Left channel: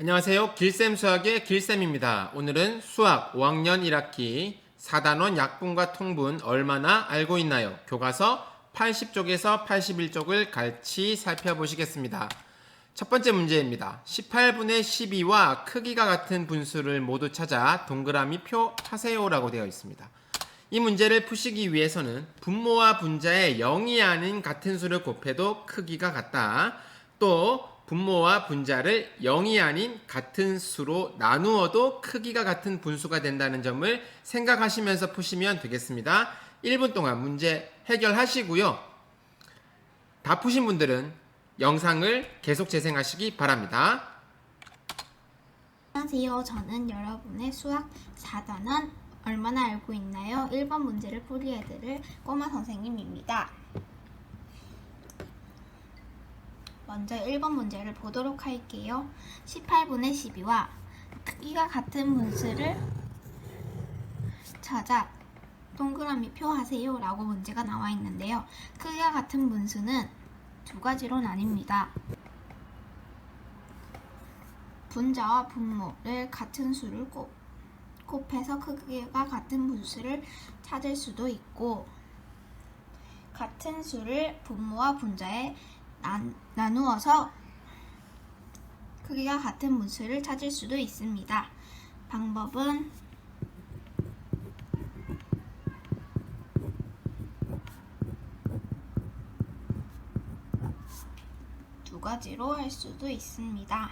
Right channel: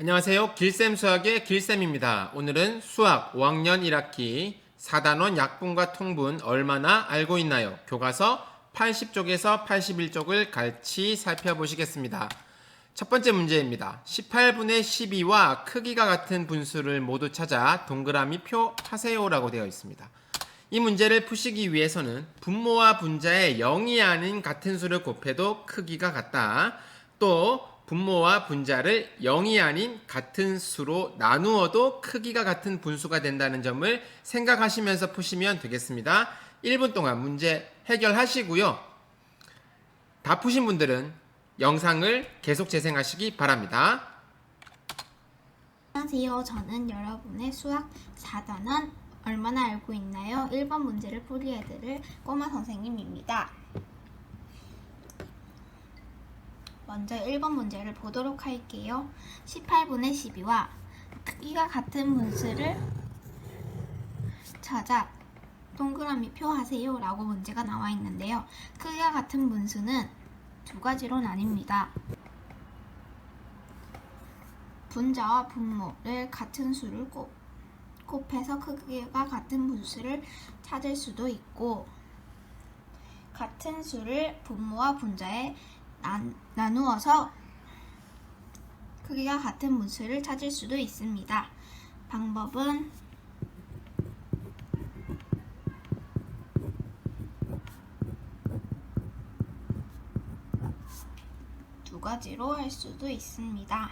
안녕하세요. 길쌤 수학의 길쌤입니다. 오늘은 수학 5학년 1학기 4단원 약분과 통분 얼마나 알고 있나요? 교과서 80쪽에서 81쪽을 같이 살펴보시겠습니다. 첫 번째 문제입니다. 18분의 12와 크기가 같은 분수를 모두 찾아 동그라미 표 하세요라고 되어 있습니다. 이 문제를 푸시기 위해서는 분모와 분자의 0이 아닌 같은 수를 곱해도 크기가 같다. 또 분모와 분자를 0이 아닌 같은 수로 나누어도 크기가 같은 분수가 된다는 점을 생각하시면서 푸시면 되겠습니다. 1분 동안 문제 해결하시고요. 다 푸신 분들은 영상을 계속 재생하시기 바랍니다. 안녕하세요. 저는 여러분의 수학 4단원 얼마나 알고 있나요? 1번 문제를 풀이해드릴 꼬마 선생님입니다. 먼저 1번 문제를 보도록 할게요. 18분의 12와 크기가 같은 분수를 찾아 동그라미 표 하세요 라고 문제가 나와 있는데요. 크기가 같은 분수는 두 가지로 나뉩니다. 분자와 분모를 같은 수를 곱해서 크기가 같은 분수를 찾을 수도 있고, 같은 수를 분모와 분자에 나누어서 크기가 같은 분수를 찾을 수도 있습니다. 방법은 두 가지로 할 수도 있습니다.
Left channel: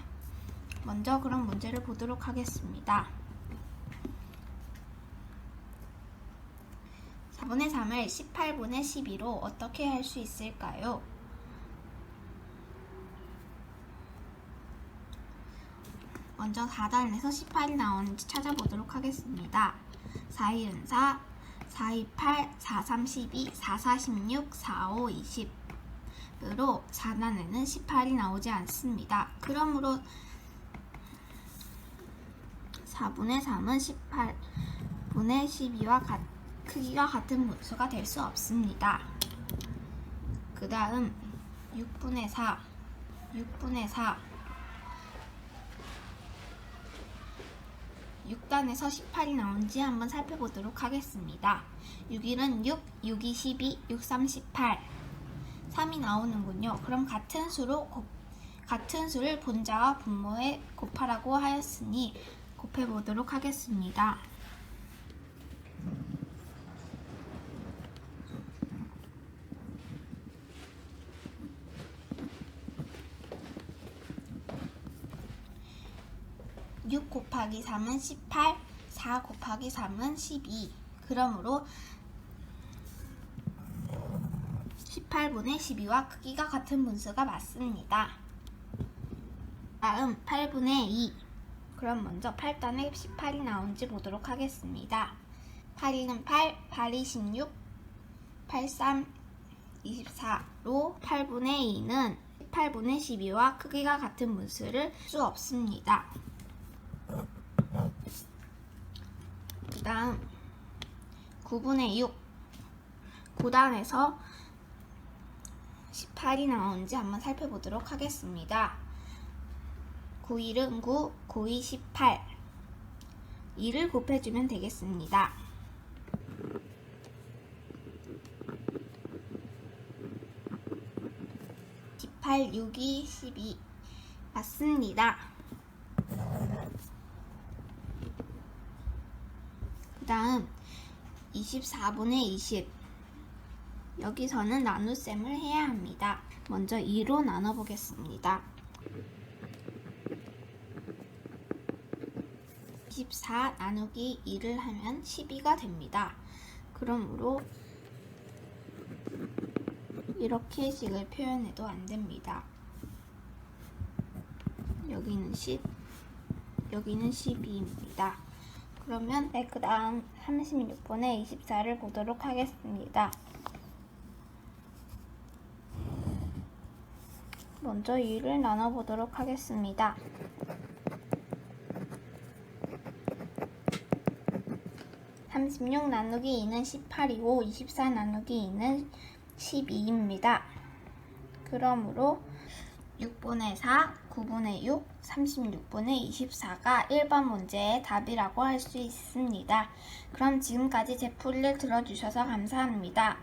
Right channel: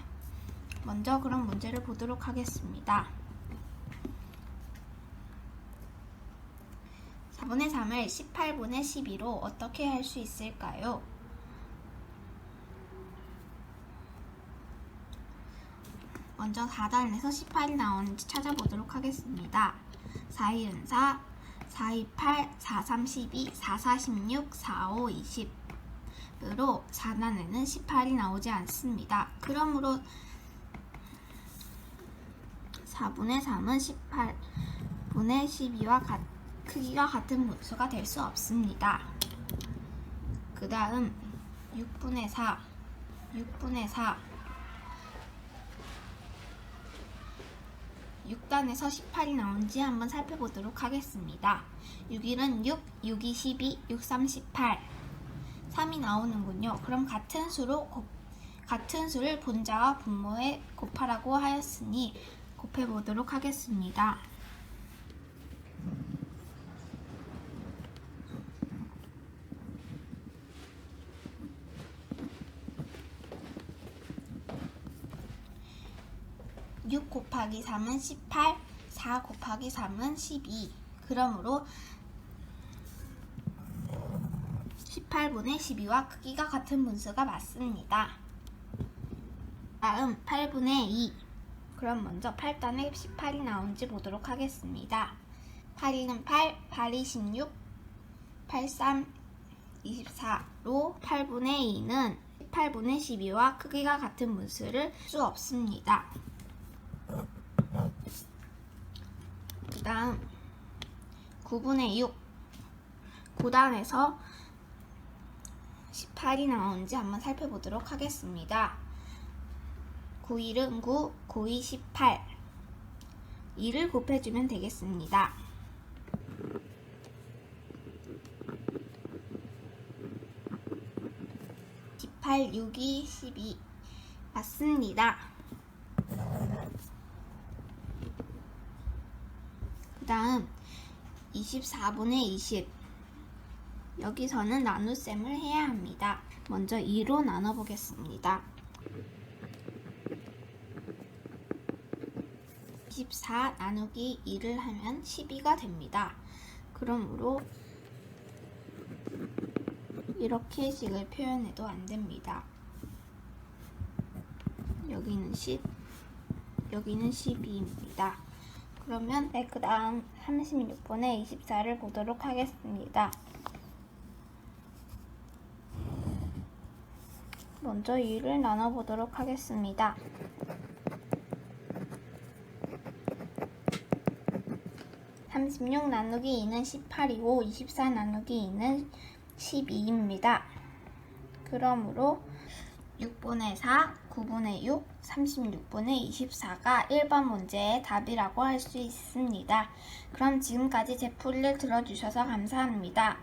먼저 그럼 문제를 보도록 하겠습니다. 4분의 3을 18분의 12로 어떻게 할 수 있을까요? 먼저 4단에서 18이 나오는지 찾아보도록 하겠습니다. 4, 1은 4, 4, 2, 8, 4, 3, 12, 4, 4, 16, 4, 5, 20으로 4단에는 18이 나오지 않습니다. 그러므로 4분의 3은 18분의 12와 크기가 같은 분수가 될 수 없습니다. 그 다음 6분의 4, 6단에서 18이 나오는지 한번 살펴보도록 하겠습니다. 6일은 6, 6이 12, 6, 3, 18 3이 나오는군요. 그럼 같은 수를 분자와 분모에 곱하라고 하였으니 곱해보도록 하겠습니다. (6) 곱하기 3은 18, 4 곱하기 3은 12. 그러므로 18분의 12와 크기가 같은 분수가 맞습니다. 다음 8분의 2. 그럼 먼저 8단에 18이 나오는지 보도록 하겠습니다. 8, 2는 8, 8이 16, 8, 3, 24로 8분의 2는 18분의 12와 크기가 같은 분수를 수 없습니다. 그 다음 9분의 6. 9단에서 18이 나오는지 한번 살펴보도록 하겠습니다. 9일은 9, 9이 18 2를 곱해주면 되겠습니다. 18, 6이 12 맞습니다. 그 다음 24분의 20 여기서는 나눗셈을 해야 합니다. 먼저 2로 나눠보겠습니다. 24 나누기 2를 하면 12가 됩니다. 그러므로 이렇게 식을 표현해도 안 됩니다. 여기는 10, 여기는 12입니다. 그러면 그 다음 36분의 24를 보도록 하겠습니다. 먼저 2를 나눠보도록 하겠습니다. 36 나누기 2는 18이고 24 나누기 2는 12입니다. 그러므로 6분의 4, 9분의 6, 36분의 24가 1번 문제의 답이라고 할 수 있습니다. 그럼 지금까지 제 풀이를 들어주셔서 감사합니다.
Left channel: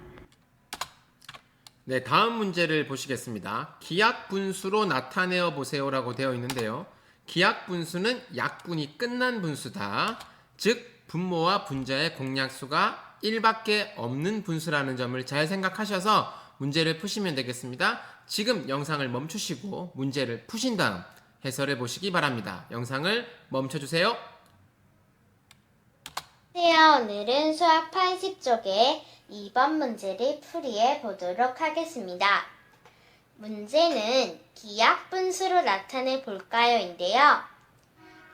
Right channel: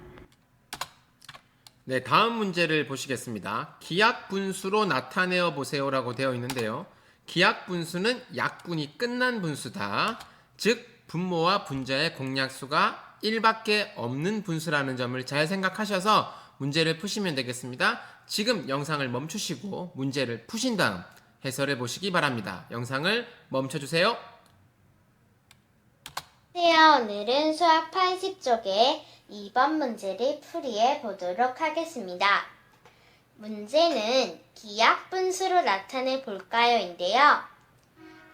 네, 다음 문제를 보시겠습니다. 기약 분수로 나타내어 보세요라고 되어 있는데요. 기약 분수는 약분이 끝난 분수다. 즉 분모와 분자의 공약수가 1밖에 없는 분수라는 점을 잘 생각하셔서 문제를 푸시면 되겠습니다. 지금 영상을 멈추시고 문제를 푸신 다음 해설해 보시기 바랍니다. 영상을 멈춰주세요. 안녕하세요. 오늘은 수학 80쪽의 2번 문제를 풀이해 보도록 하겠습니다. 문제는 기약분수로 나타내 볼까요?인데요.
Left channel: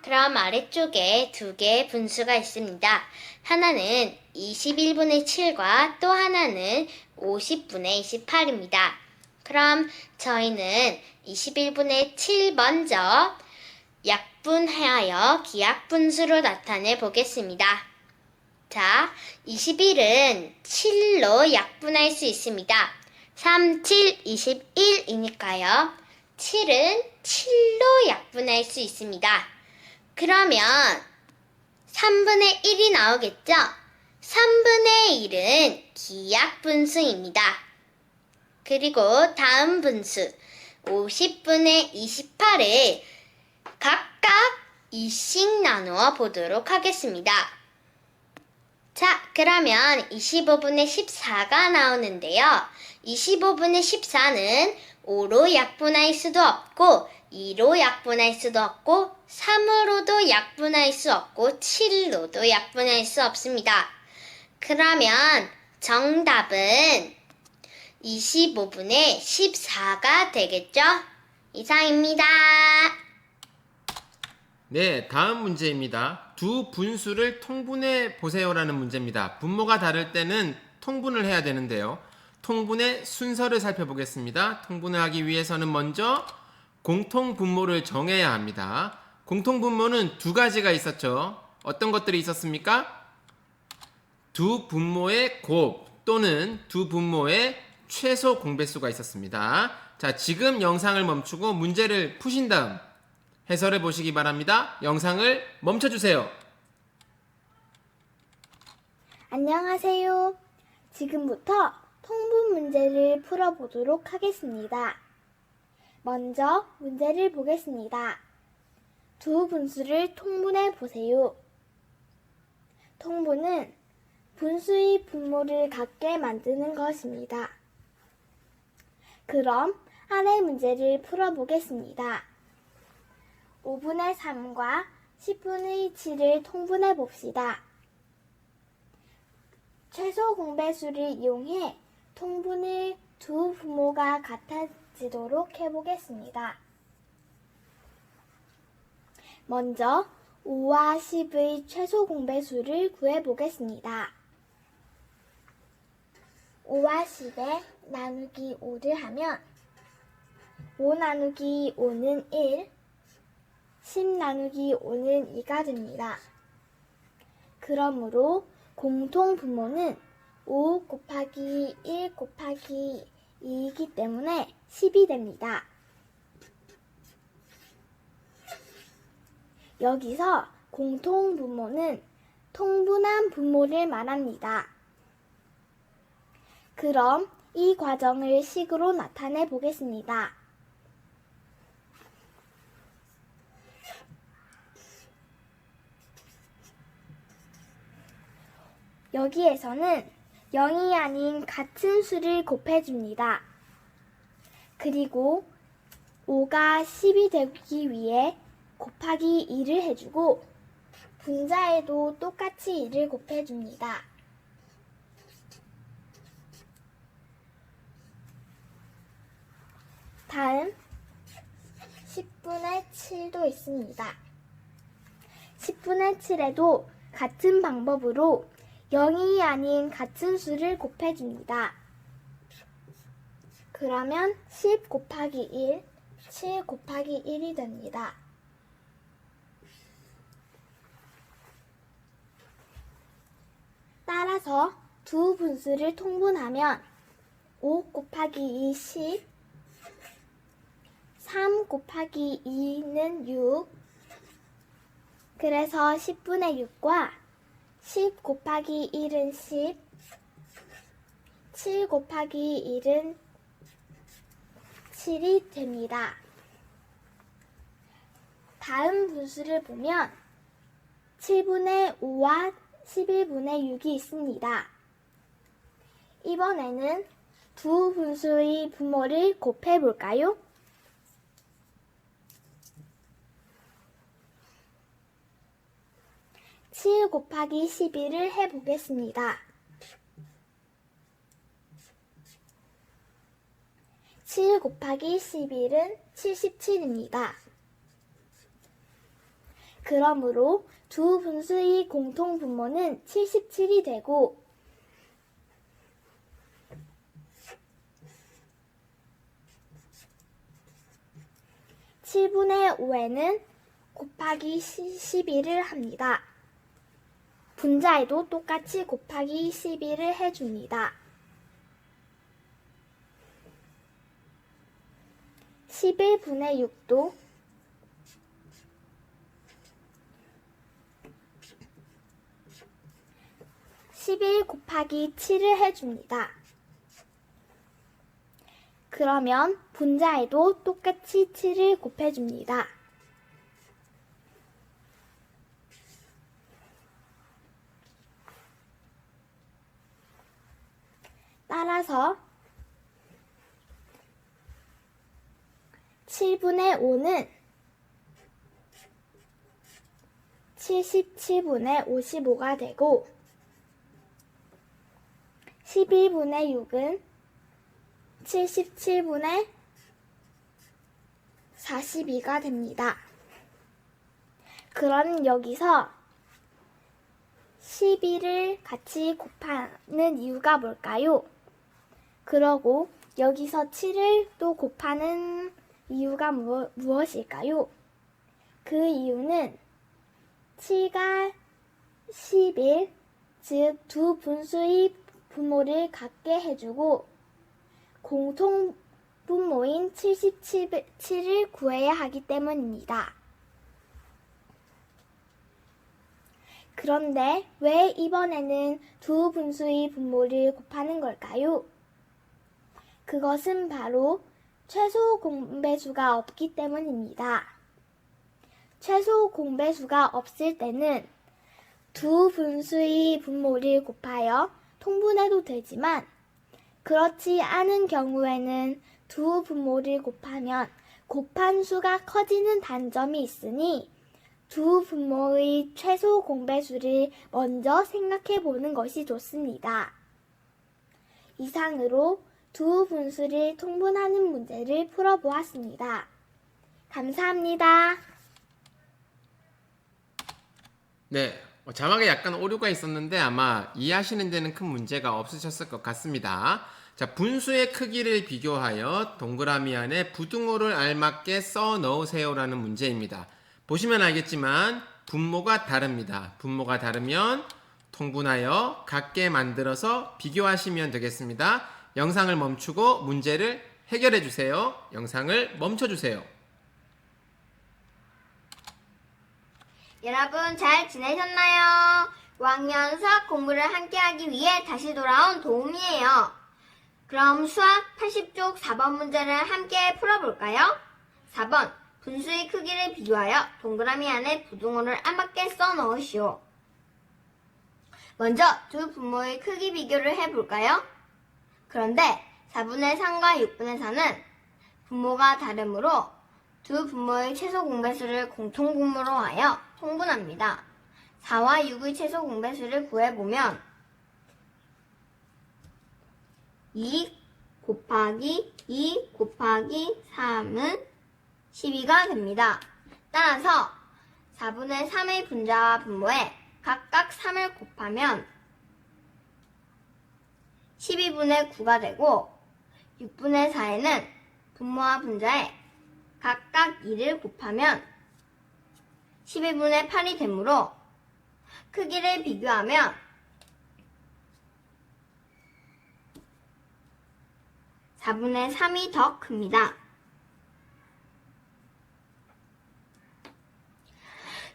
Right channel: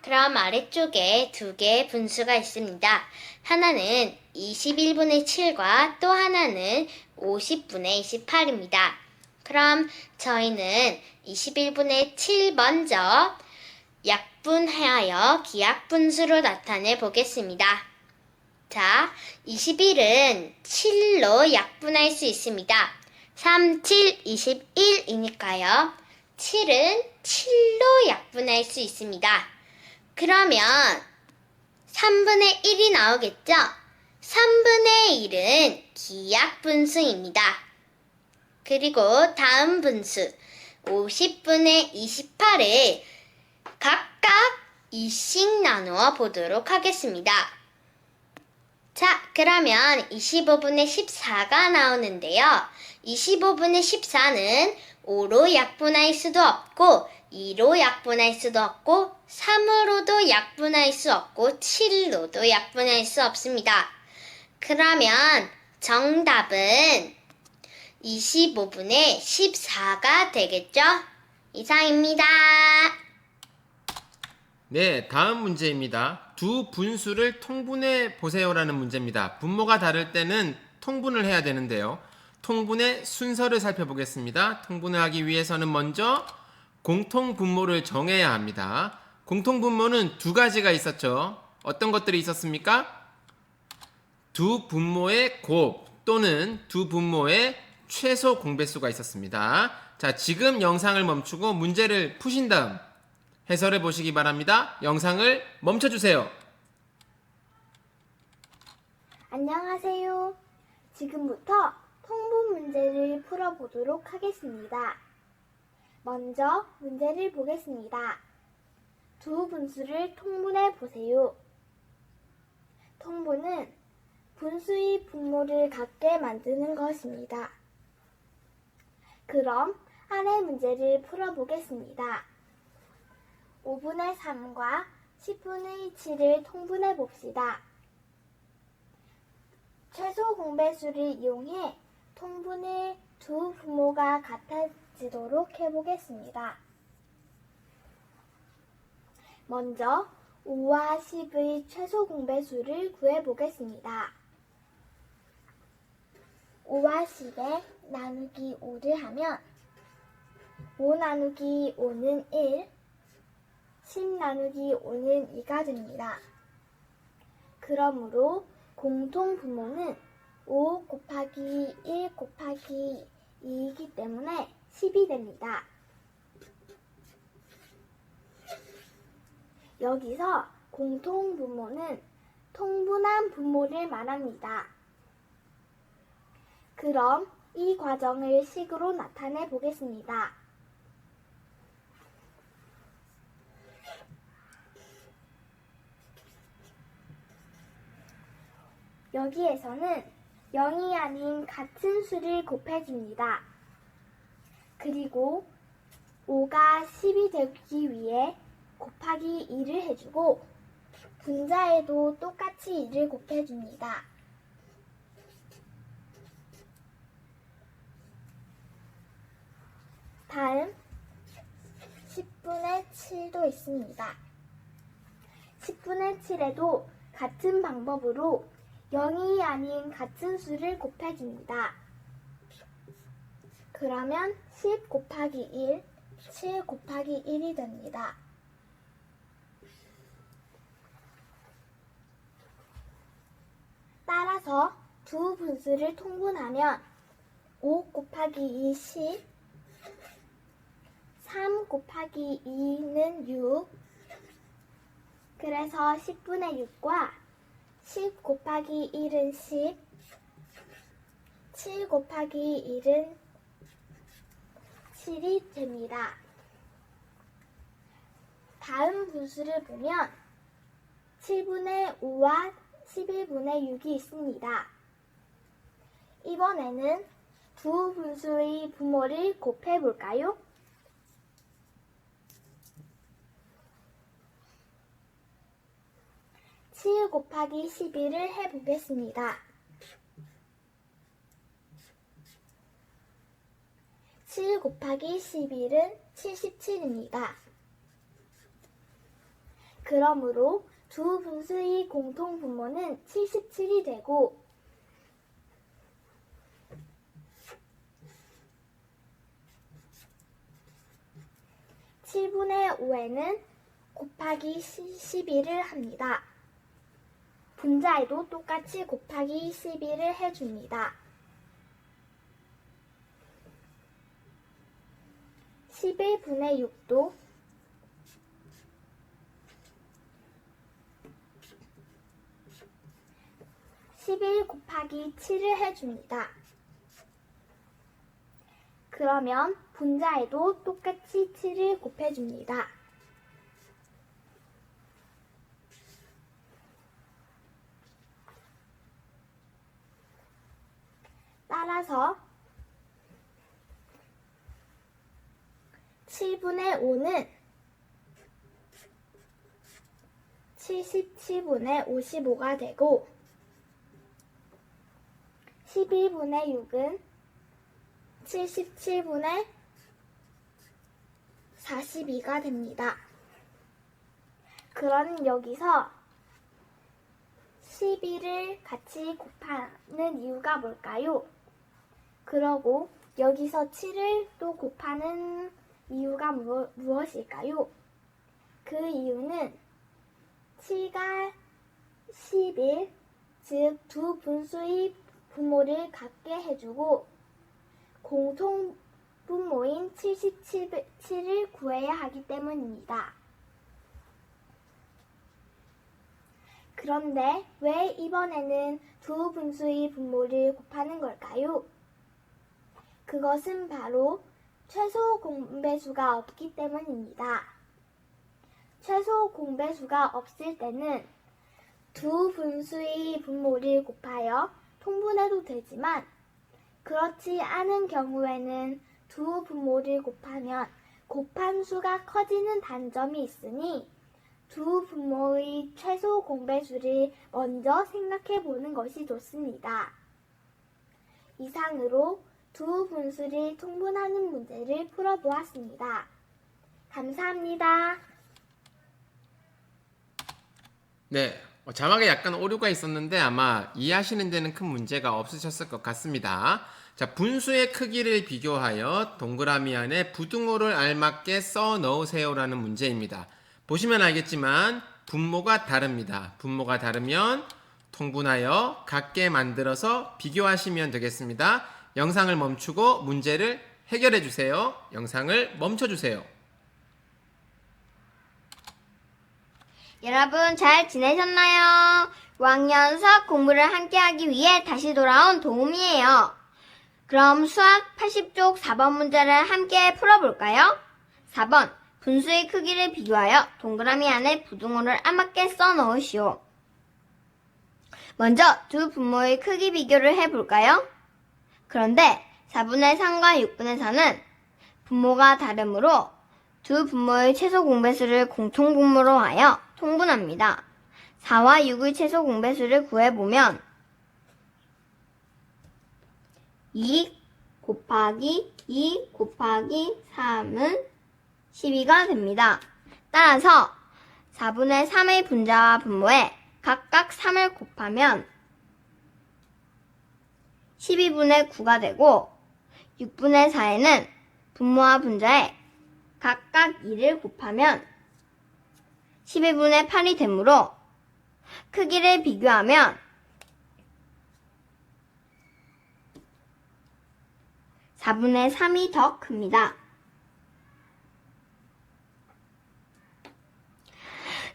그럼 아래쪽에 두 개의 분수가 있습니다. 하나는 21분의 7과 또 하나는 50분의 28입니다. 그럼 저희는 21분의 7 먼저 약분하여 기약분수로 나타내 보겠습니다. 자, 21은 7로 약분할 수 있습니다. 3, 7, 21이니까요. 7은 7로 약분할 수 있습니다. 그러면 3분의 1이 나오겠죠? 3분의 1은 기약분수입니다. 그리고 다음 분수 50분의 28을 각각 2씩 나누어 보도록 하겠습니다. 자, 그러면 25분의 14가 나오는데요. 25분의 14는 5로 약분할 수도 없고 2로 약분할 수도 없고 3으로도 약분할 수 없고 7로도 약분할 수 없습니다. 그러면 정답은 25분의 14가 되겠죠? 이상입니다. 네, 다음 문제입니다. 두 분수를 통분해 보세요라는 문제입니다. 분모가 다를 때는 통분을 해야 되는데요. 통분의 순서를 살펴보겠습니다. 통분을 하기 위해서는 먼저 공통분모를 정해야 합니다. 공통분모는 두 가지가 있었죠. 어떤 것들이 있었습니까? 두 분모의 곱 또는 두 분모의 최소 공배수가 있었습니다. 자, 지금 영상을 멈추고 문제를 푸신 다음 해설해 보시기 바랍니다. 영상을 멈춰주세요. 안녕하세요. 지금부터 통분 문제를 풀어보도록 하겠습니다. 먼저 문제를 보겠습니다. 두 분수를 통분해 보세요. 통분은 분수의 분모를 같게 만드는 것입니다. 그럼 아래 문제를 풀어보겠습니다. 5분의 3과 10분의 7을 통분해 봅시다. 최소 공배수를 이용해 통분의 두 분모가 같아지도록 해보겠습니다. 먼저 5와 10의 최소 공배수를 구해보겠습니다. 5와 10에 나누기 5를 하면 5 나누기 5는 1, 10 나누기 5는 2가 됩니다. 그러므로 공통 분모는 5 곱하기 1 곱하기 2이기 때문에 10이 됩니다. 여기서 공통 분모는 통분한 분모를 말합니다. 그럼 이 과정을 식으로 나타내 보겠습니다. 여기에서는 0이 아닌 같은 수를 곱해줍니다. 그리고 5가 10이 되기 위해 곱하기 2를 해주고 분자에도 똑같이 2를 곱해줍니다. 다음 10분의 7도 있습니다. 10분의 7에도 같은 방법으로 0이 아닌 같은 수를 곱해줍니다. 그러면 10 곱하기 1, 7 곱하기 1이 됩니다. 따라서 두 분수를 통분하면 5 곱하기 2, 10, 3 곱하기 2는 6. 그래서 10분의 6과 10 곱하기 1은 10. 7 곱하기 1은 7이 됩니다. 다음 분수를 보면 7분의 5와 11분의 6이 있습니다. 이번에는 두 분수의 분모를 곱해볼까요? 7 곱하기 11을 해보겠습니다. 7 곱하기 11은 77입니다. 그러므로 두 분수의 공통 분모는 77이 되고 7분의 5에는 곱하기 12를 합니다. 분자에도 똑같이 곱하기 12를 해줍니다. 11분의 6도 11 곱하기 7을 해줍니다. 그러면 분자에도 똑같이 7을 곱해줍니다. 따라서 7분의 5는 77분의 55가 되고 11분의 6은 77분의 42가 됩니다. 그럼 여기서 12를 같이 곱하는 이유가 뭘까요? 그러고 여기서 7을 또 곱하는 이유가 무엇일까요? 그 이유는 7과 11, 즉 두 분수의 분모를 같게 해주고 공통 분모인 77을 구해야 하기 때문입니다. 그런데 왜 이번에는 두 분수의 분모를 곱하는 걸까요? 그것은 바로 최소 공배수가 없기 때문입니다. 최소 공배수가 없을 때는 두 분수의 분모를 곱하여 통분해도 되지만 그렇지 않은 경우에는 두 분모를 곱하면 곱한 수가 커지는 단점이 있으니 두 분모의 최소 공배수를 먼저 생각해 보는 것이 좋습니다. 이상으로 두 분수를 통분하는 문제를 풀어보았습니다. 감사합니다. 네, 자막에 약간 오류가 있었는데 아마 이해하시는 데는 큰 문제가 없으셨을 것 같습니다. 자, 분수의 크기를 비교하여 동그라미 안에 부등호를 알맞게 써 넣으세요라는 문제입니다. 보시면 알겠지만 분모가 다릅니다. 분모가 다르면 통분하여 같게 만들어서 비교하시면 되겠습니다. 영상을 멈추고 문제를 해결해 주세요. 영상을 멈춰 주세요. 여러분 잘 지내셨나요? 5학년 수학 공부를 함께 하기 위해 다시 돌아온 도움이에요. 그럼 수학 80쪽 4번 문제를 함께 풀어볼까요? 4번 분수의 크기를 비교하여 동그라미 안에 부등호를 알맞게 써 넣으시오. 먼저 두 분모의 크기 비교를 해볼까요? 그런데 4분의 3과 6분의 4는 분모가 다르므로 두 분모의 최소 공배수를 공통 분모로 하여 통분합니다. 4와 6의 최소 공배수를 구해보면 2 곱하기 2 곱하기 3은 12가 됩니다. 따라서 4분의 3의 분자와 분모에 각각 3을 곱하면 12분의 9가 되고 6분의 4에는 분모와 분자에 각각 2를 곱하면 12분의 8이 되므로 크기를 비교하면 4분의 3이 더 큽니다.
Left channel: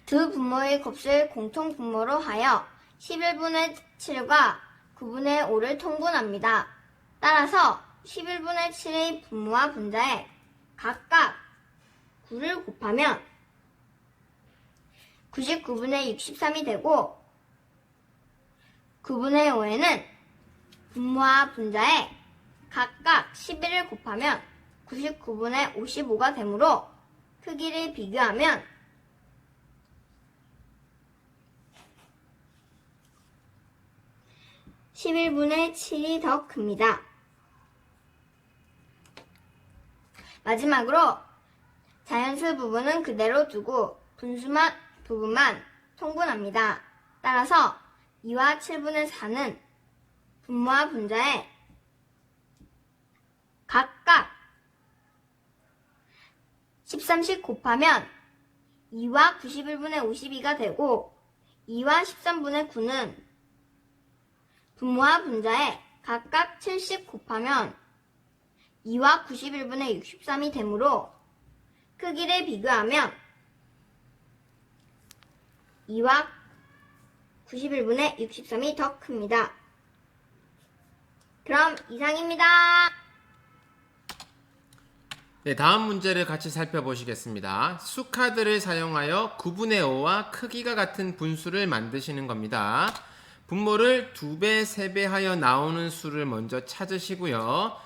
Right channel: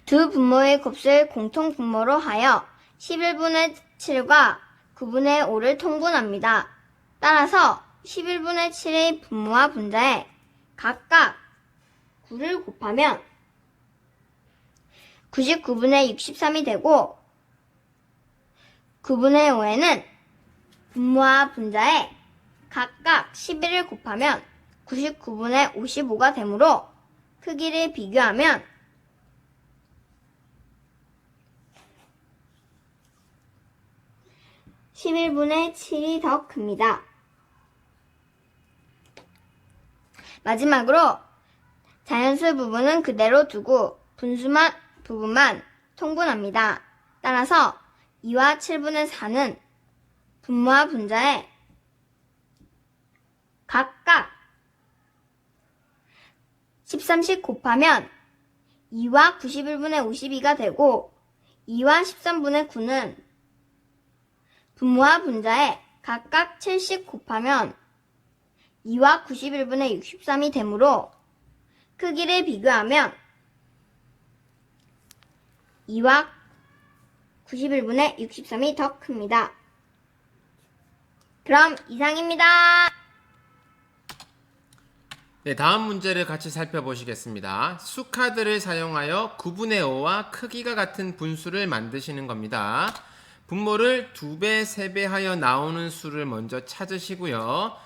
두 분모의 곱을 공통 분모로 하여 11분의 7과 9분의 5를 통분합니다. 따라서 11분의 7의 분모와 분자에 각각 9를 곱하면 99분의 63이 되고 9분의 5에는 분모와 분자에 각각 11을 곱하면 99분의 55가 되므로 크기를 비교하면 11분의 7이 더 큽니다. 마지막으로 자연수 부분은 그대로 두고 분수만 부분만 통분합니다. 따라서 2와 7분의 4는 분모와 분자에 각각 13씩 곱하면 2와 91분의 52가 되고 2와 13분의 9는 분모와 분자에 각각 7씩 곱하면 2와 91분의 63이 되므로 크기를 비교하면 2와 91분의 63이 더 큽니다. 그럼 이상입니다. 네, 다음 문제를 같이 살펴보시겠습니다. 수카드를 사용하여 9분의 5와 크기가 같은 분수를 만드시는 겁니다. 분모를 2배, 3배 하여 나오는 수를 먼저 찾으시고요.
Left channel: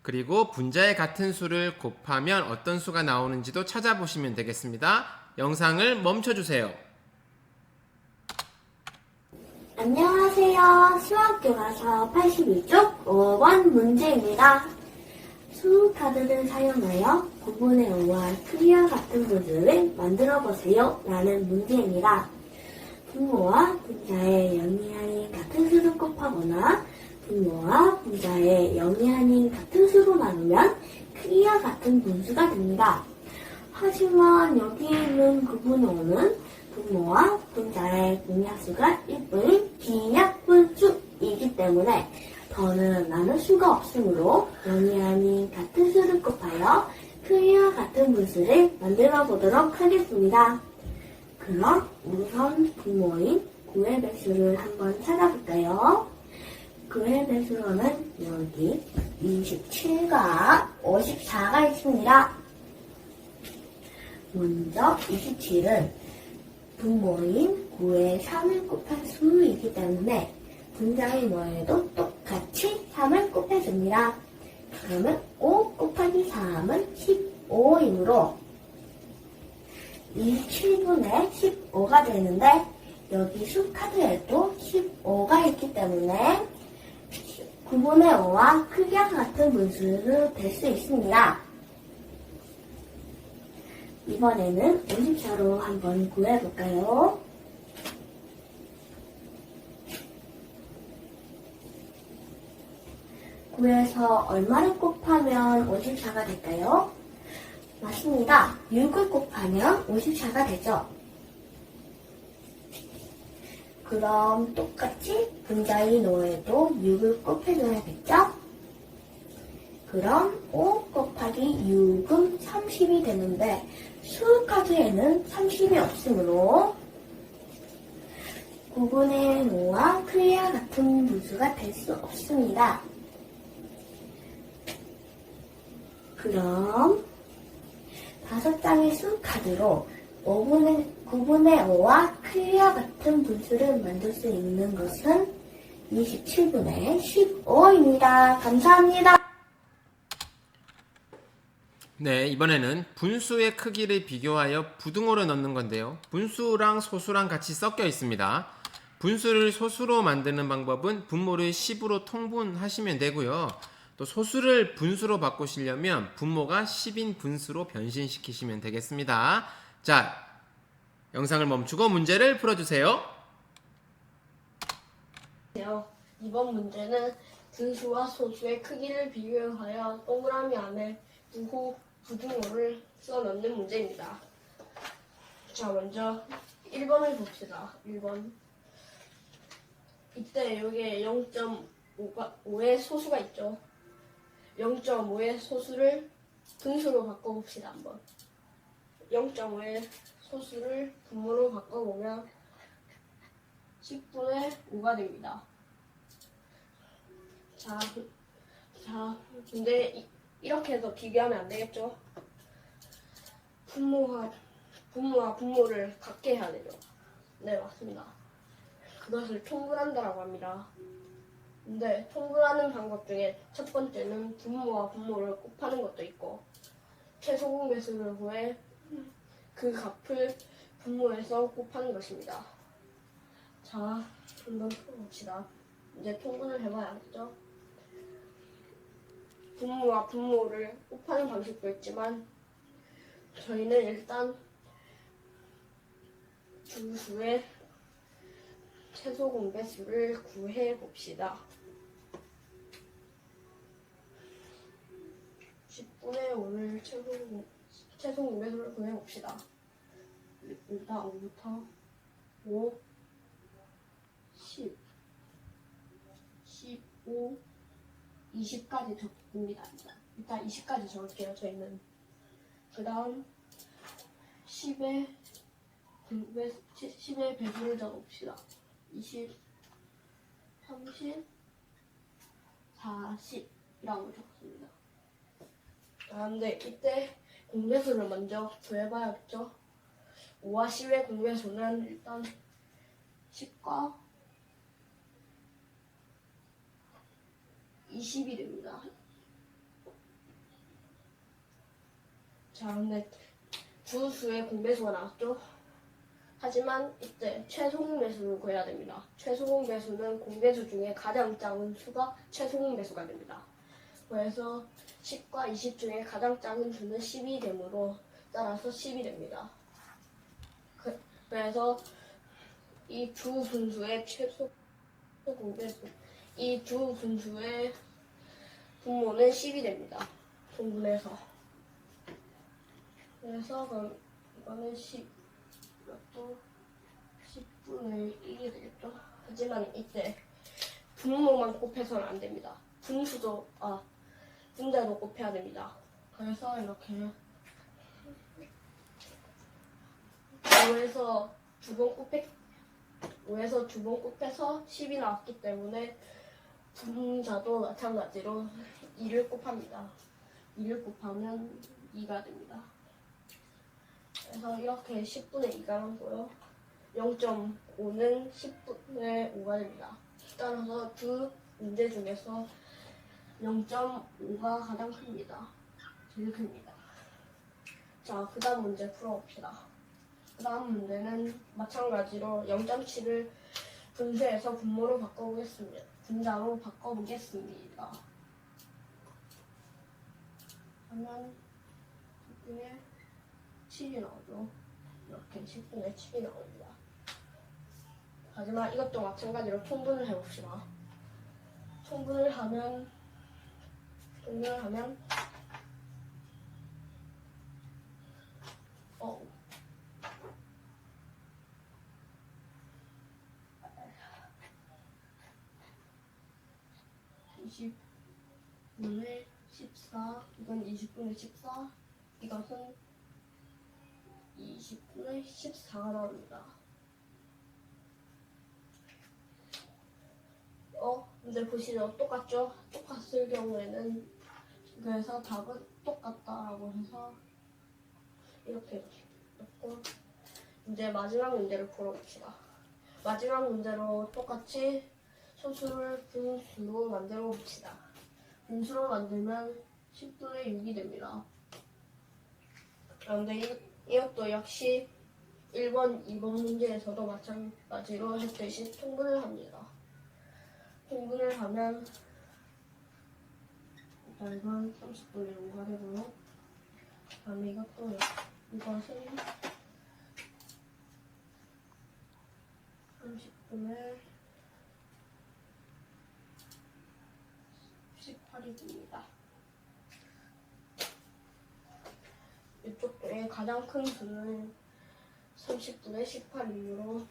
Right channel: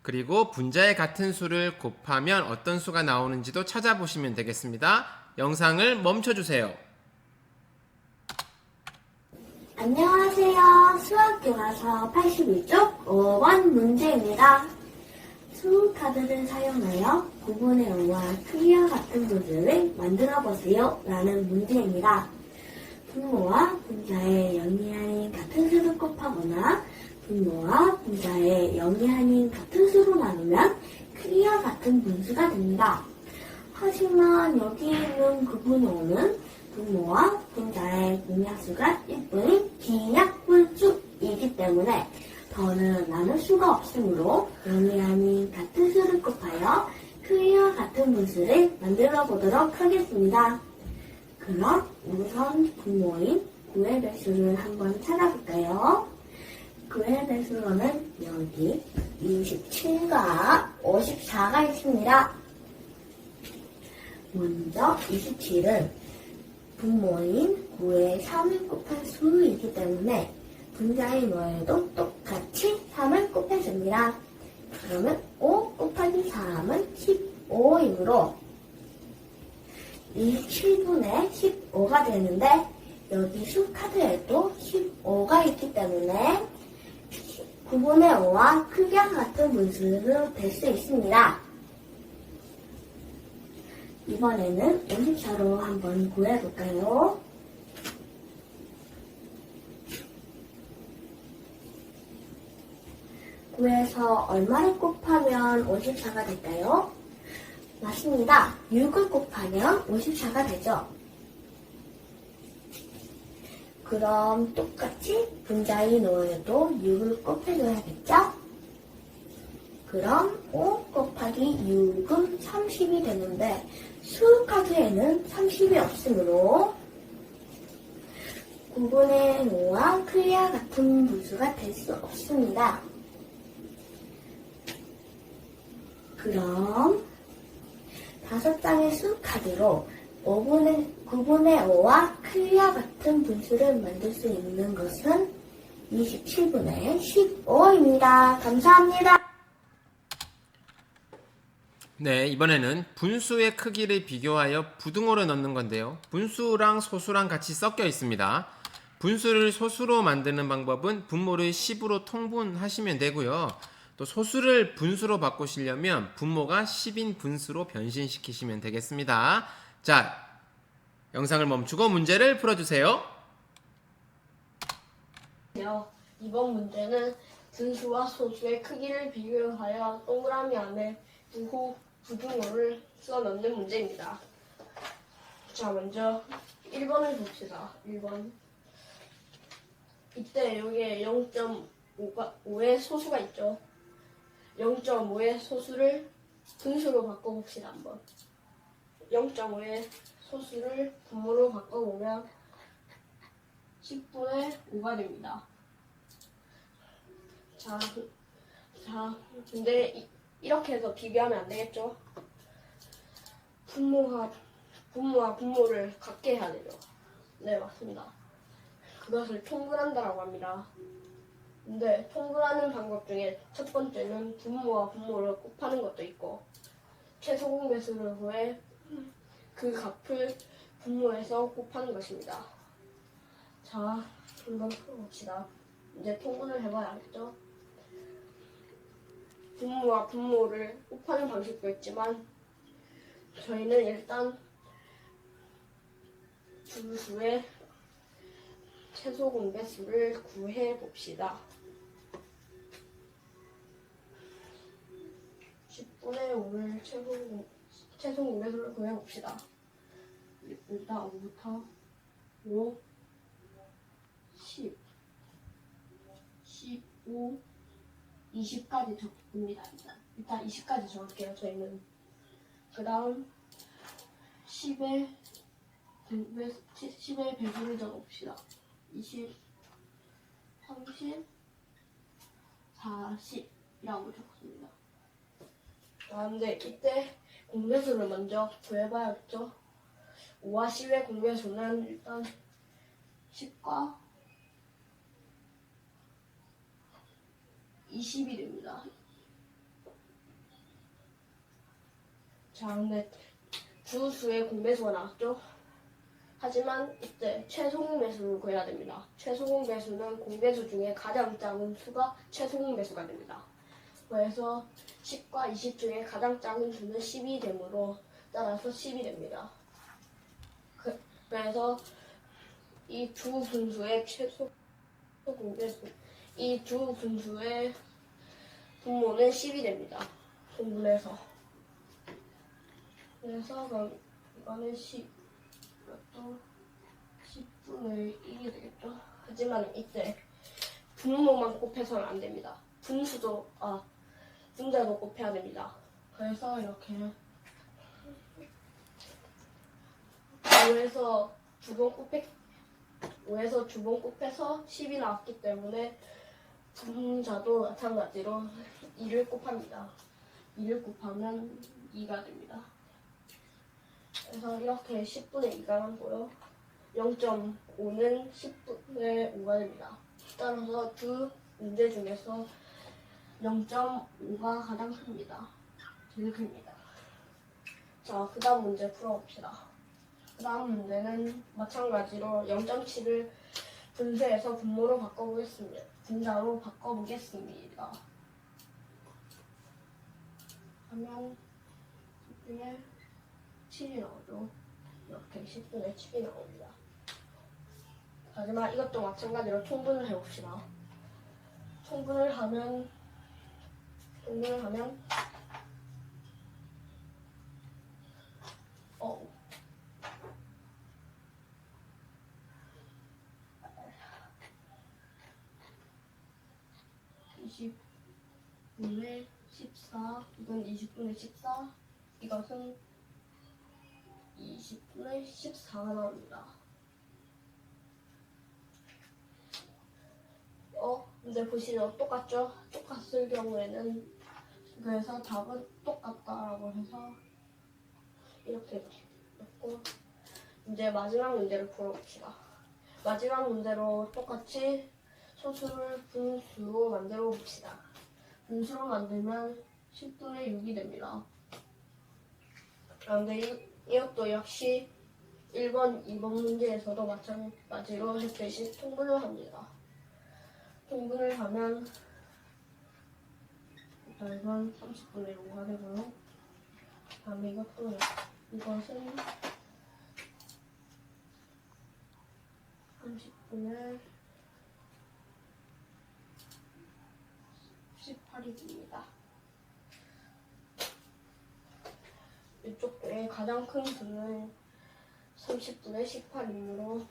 그리고 분자의 같은 수를 곱하면 어떤 수가 나오는지도 찾아보시면 되겠습니다. 영상을 멈춰주세요. 안녕하세요. 수학교과서 81쪽 5번 문제입니다. 수카드를 사용하여 9분의 5와 크기와 같은 분수를 만들어 보세요. 라는 문제입니다. 분모와 분자의 0이 아닌 같은 수를 곱하거나 분모와 분자의 0이 아닌 같은 수로 나누면 크기와 같은 분수가 됩니다. 하지만 여기 있는 9분의 5는 분모와 분자의 공약수가 1분인 빈약분수이기 때문에 더는 나눌 수가 없으므로 0이 아닌 같은 수를 곱하여 크기와 같은 분수를 만들어 보도록 하겠습니다. 그럼 우선 분모인 9의 배수를 한번 찾아볼까요? 9의 배수로는 여기 27과 54가 있습니다. 먼저 27은 분모인 9의 3을 곱한 수이기 때문에 분자인 5에도 똑같이 3을 곱해줍니다. 그러면 5 곱하기 3은 15이므로 이 7분의 15가 되는데 여기 수카드에도 15가 있기 때문에 9분의 5와 크기와 같은 분수로 될 수 있습니다. 이번에는 54로 한번 구해볼까요? 구해서 얼마를 곱하면 54가 될까요? 맞습니다. 6을 곱하면 54가 되죠. 그럼 똑같이 분자인 5에도 6을 곱해줘야겠죠? 그럼 5 곱하기 6은 30이 되는데 수카드에는 30이 없으므로 9분의 5와 크기와 같은 분수가 될 수 없습니다. 그럼 5장의 수카드로 9분의 5와 크기와 같은 분수를 만들 수 있는 것은 27분의 15입니다. 감사합니다. 네, 이번에는 분수의 크기를 비교하여 부등호를 넣는 건데요. 분수랑 소수랑 같이 섞여 있습니다. 분수를 소수로 만드는 방법은 분모를 10으로 통분하시면 되고요. 또 소수를 분수로 바꾸시려면 분모가 10인 분수로 변신시키시면 되겠습니다. 자, 영상을 멈추고 문제를 풀어주세요. 이번 문제는 분수와 소수의 크기를 비교하여 동그라미 안에 부등호를 써 넣는 문제입니다. 자, 먼저 1번을 봅시다. 1번. 이때 여기에 0.5의 소수가 있죠. 0.5의 소수를 분수로 바꿔봅시다. 한번. 0.5의 소수를 분모로 바꿔보면 10분의 5가 됩니다. 자, 근데 이렇게 해서 비교하면 안 되겠죠? 분모와 분모를 같게 해야 되죠. 네, 맞습니다. 그것을 통분한다라고 합니다. 근데 통분하는 방법 중에 첫 번째는 분모와 분모를 곱하는 것도 있고, 최소 공배수를 구해 그 값을 분모해서 곱하는 것입니다. 자, 한번 풀어봅시다. 이제 통분을 해봐야겠죠? 분모와 분모를 곱하는 방식도 있지만 저희는 일단 주수의 최소 공배수를 구해봅시다. 10분의 5를 최소 공배수를 구해봅시다. 일단 5부터 5, 10, 15, 20까지 적습니다. 일단 20까지 적을게요. 저희는 그 다음 10의 배수를 적어봅시다. 20, 30, 40이라고 적습니다. 근데 이때 공배수를 먼저 구해봐야겠죠. 5와 10의 공배수는 일단 10과 20이 됩니다. 자, 근데 주수의 공배수가 나왔죠? 하지만 이때 최소 공배수를 구해야 됩니다. 최소 공배수는 공배수 중에 가장 작은 수가 최소 공배수가 됩니다. 그래서 10과 20 중에 가장 작은 수는 10이 되므로 따라서 10이 됩니다. 그래서 이 두 분수의 최소 공배수, 이 두 분수의 분모는 10이 됩니다. 통분해서. 그래서 그럼 이거는 10, 이것도 10분의 1이 되겠죠? 하지만 이때 분모만 곱해서는 안 됩니다. 분자도 곱해야 됩니다. 그래서 이렇게 5에서 두 번 곱해서 10이 나왔기 때문에 분자도 마찬가지로 2를 곱합니다. 2를 곱하면 2가 됩니다. 그래서 이렇게 10분의 2가 나오고요. 0.5는 10분의 5가 됩니다. 따라서 두 문제 중에서 0.5가 가장 큽니다. 제일 큽니다. 자, 그 다음 문제 풀어봅시다. 그 다음 문제는 마찬가지로 0.7을 분수해서 분모로 바꿔보겠습니다. 분자로 바꿔보겠습니다. 하면 10분의 7이 나오죠. 이렇게 10분의 7이 나옵니다. 하지만 이것도 마찬가지로 통분을 해봅시다. 통분을 하면 20분의 14, 이건 20분의 14, 이것은 20분의 14가 나옵니다. 근데 보시죠. 똑같죠? 똑같을 경우에는 그래서 답은 똑같다라고 해서 이렇게 넣고 이제 마지막 문제를 풀어봅시다. 마지막 문제로 똑같이 소수를 분수로 만들어 봅시다. 분수로 만들면 10분의 6이 됩니다. 그런데 이것도 역시 1번, 2번 문제에서도 마찬가지로 했듯이 통분을 합니다. 통분을 하면 이건 30분의 5가 되고요. 다음에 이것은 30분의 18이 됩니다. 이쪽에 가장 큰 수는 30분의 18이므로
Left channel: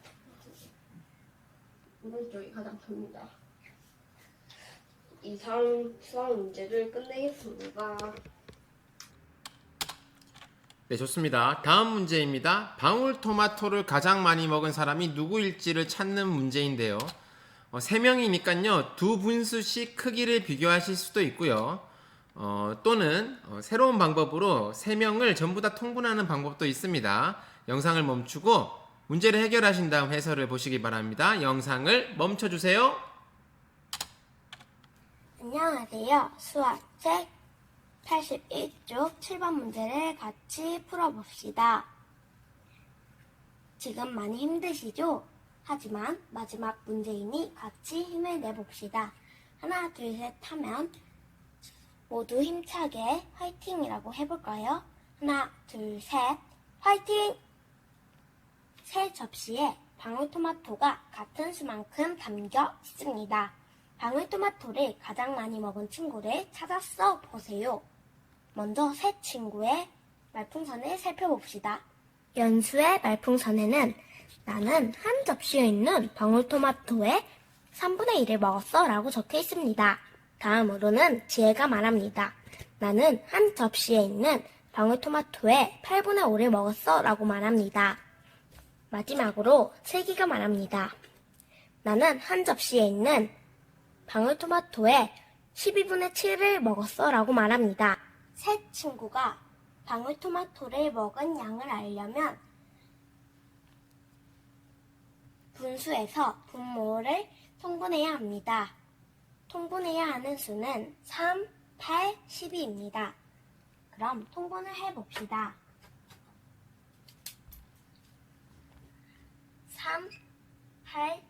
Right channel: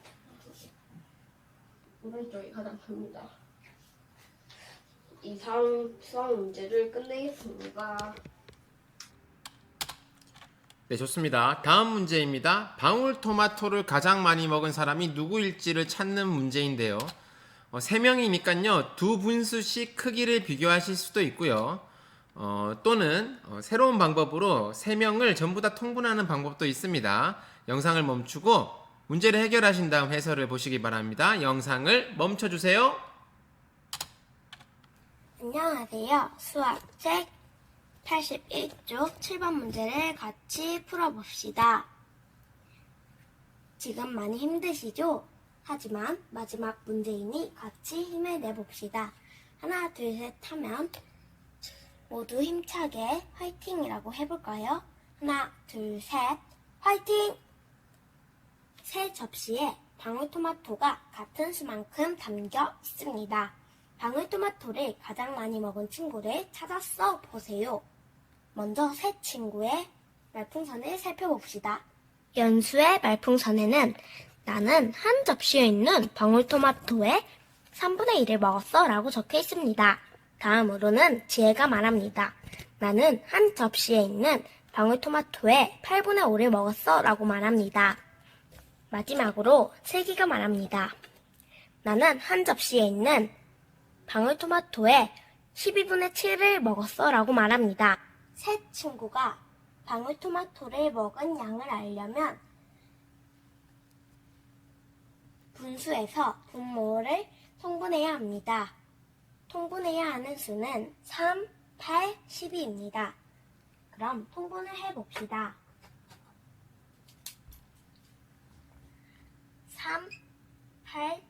오른쪽이 가장 큽니다. 이상 수학 문제를 끝내겠습니다. 네, 좋습니다. 다음 문제입니다. 방울토마토를 가장 많이 먹은 사람이 누구일지를 찾는 문제인데요. 3명이니까요. 두 분수씩 크기를 비교하실 수도 있고요. 또는 새로운 방법으로 3명을 전부 다 통분하는 방법도 있습니다. 영상을 멈추고 문제를 해결하신 다음 해설을 보시기 바랍니다. 영상을 멈춰주세요. 안녕하세요. 수학 책 81쪽 7번 문제를 같이 풀어봅시다. 지금 많이 힘드시죠? 하지만 마지막 문제이니 같이 힘을 내봅시다. 하나, 둘, 셋 하면 모두 힘차게 화이팅이라고 해볼까요? 하나, 둘, 셋, 화이팅! 세 접시에 방울토마토가 같은 수만큼 담겨 있습니다. 방울토마토를 가장 많이 먹은 친구를 찾아 써 보세요. 먼저 세 친구의 말풍선을 살펴봅시다. 연수의 말풍선에는 나는 한 접시에 있는 방울토마토의 3분의 1을 먹었어 라고 적혀 있습니다. 다음으로는 지혜가 말합니다. 나는 한 접시에 있는 방울토마토의 8분의 5를 먹었어 라고 말합니다. 마지막으로 슬기가 말합니다. 나는 한 접시에 있는 방울토마토의 12분의 7을 먹었어 라고 말합니다. 세 친구가 방울토마토를 먹은 양을 알려면 분수에서 분모를 통분해야 합니다. 통분해야 하는 수는 3, 8, 12입니다. 그럼 통분을 해봅시다. 3, 8,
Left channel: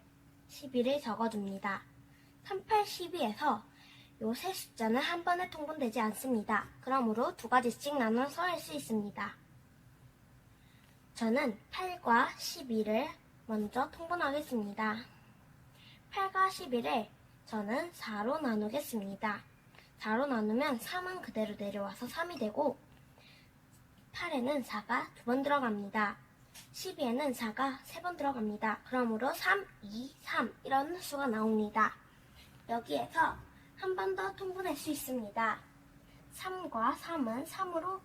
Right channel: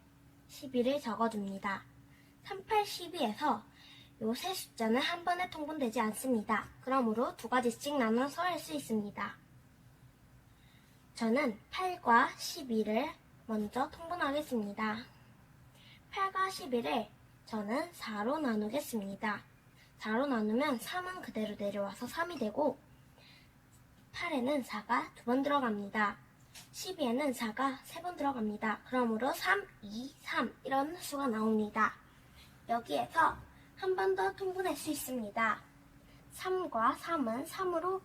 12를 적어줍니다. 3, 8, 12에서 요 세 숫자는 한 번에 통분되지 않습니다. 그러므로 두 가지씩 나눠서 할 수 있습니다. 저는 8과 12를 먼저 통분하겠습니다. 8과 12를 저는 4로 나누겠습니다. 4로 나누면 3은 그대로 내려와서 3이 되고 8에는 4가 2번 들어갑니다. 12에는 4가 3번 들어갑니다. 그러므로 3, 2, 3 이런 수가 나옵니다. 여기에서 한 번 더 통분할 수 있습니다. 3과 3은 3으로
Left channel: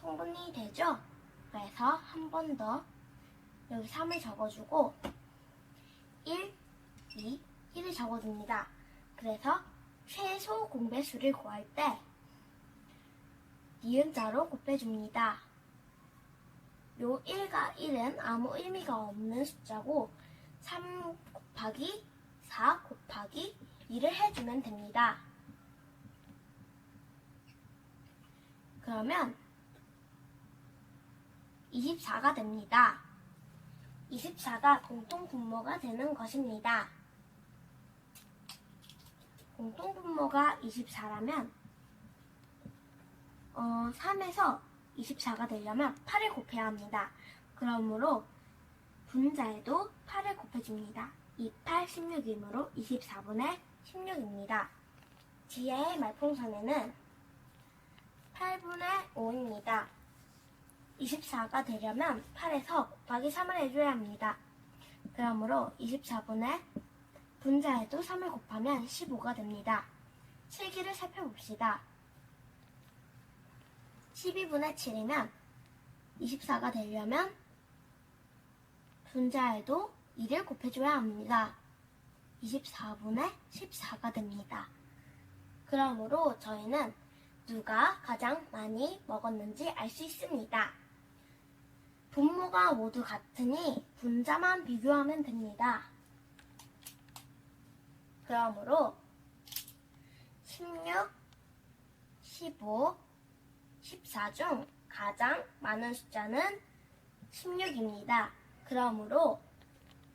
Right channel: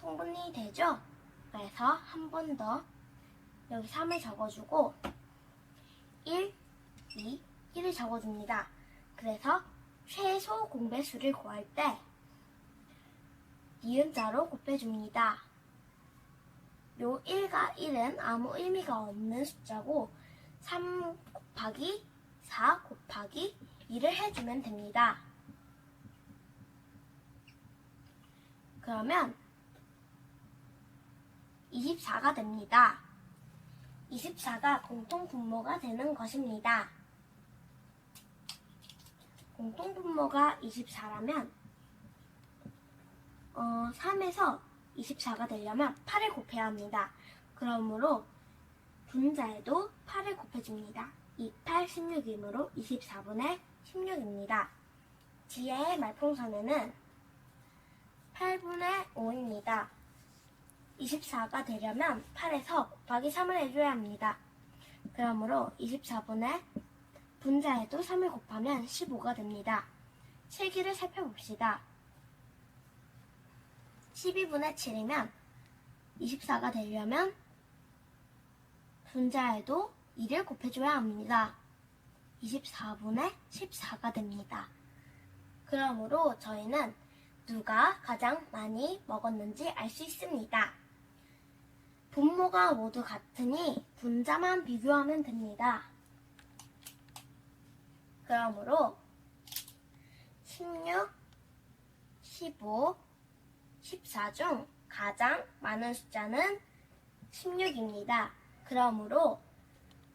통분이 되죠? 그래서 한 번 더 여기 3을 적어주고 1, 2, 1을 적어줍니다. 그래서 최소 공배수를 구할 때 니은자로 곱해줍니다. 요 1과 1은 아무 의미가 없는 숫자고 3 곱하기 4 곱하기 2를 해주면 됩니다. 그러면 24가 됩니다. 24가 공통분모가 되는 것입니다. 공통분모가 24라면 3에서 24가 되려면 8을 곱해야 합니다. 그러므로 분자에도 8을 곱해줍니다. 2, 8, 16이므로 24분의 16입니다. 지혜의 말풍선에는 8분의 5입니다. 24가 되려면 8에서 곱하기 3을 해줘야 합니다. 그러므로 24분의 분자에도 3을 곱하면 15가 됩니다. 실기를 살펴봅시다. 12분의 7이면 24가 되려면 분자에도 2를 곱해줘야 합니다. 24분의 14가 됩니다. 그러므로 저희는 누가 가장 많이 먹었는지 알 수 있습니다. 분모가 모두 같으니 분자만 비교하면 됩니다. 그러므로 16, 15, 14 중 가장 많은 숫자는 16입니다. 그러므로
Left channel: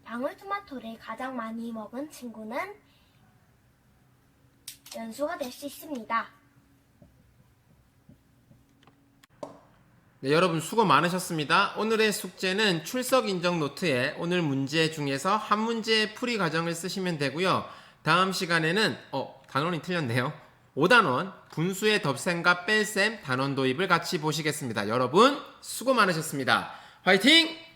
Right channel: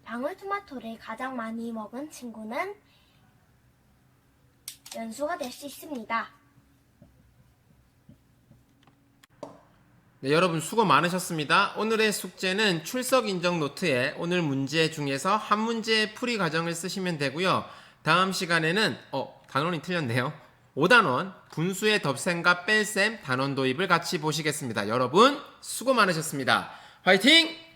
방울토마토를 가장 많이 먹은 친구는 연수가 될 수 있습니다. 네, 여러분 수고 많으셨습니다. 오늘의 숙제는 출석 인정 노트에 오늘 문제 중에서 한 문제의 풀이 과정을 쓰시면 되고요. 다음 시간에는 단원이 틀렸네요. 5단원 분수의 덧셈과 뺄셈 단원 도입을 같이 보시겠습니다. 여러분 수고 많으셨습니다. 화이팅!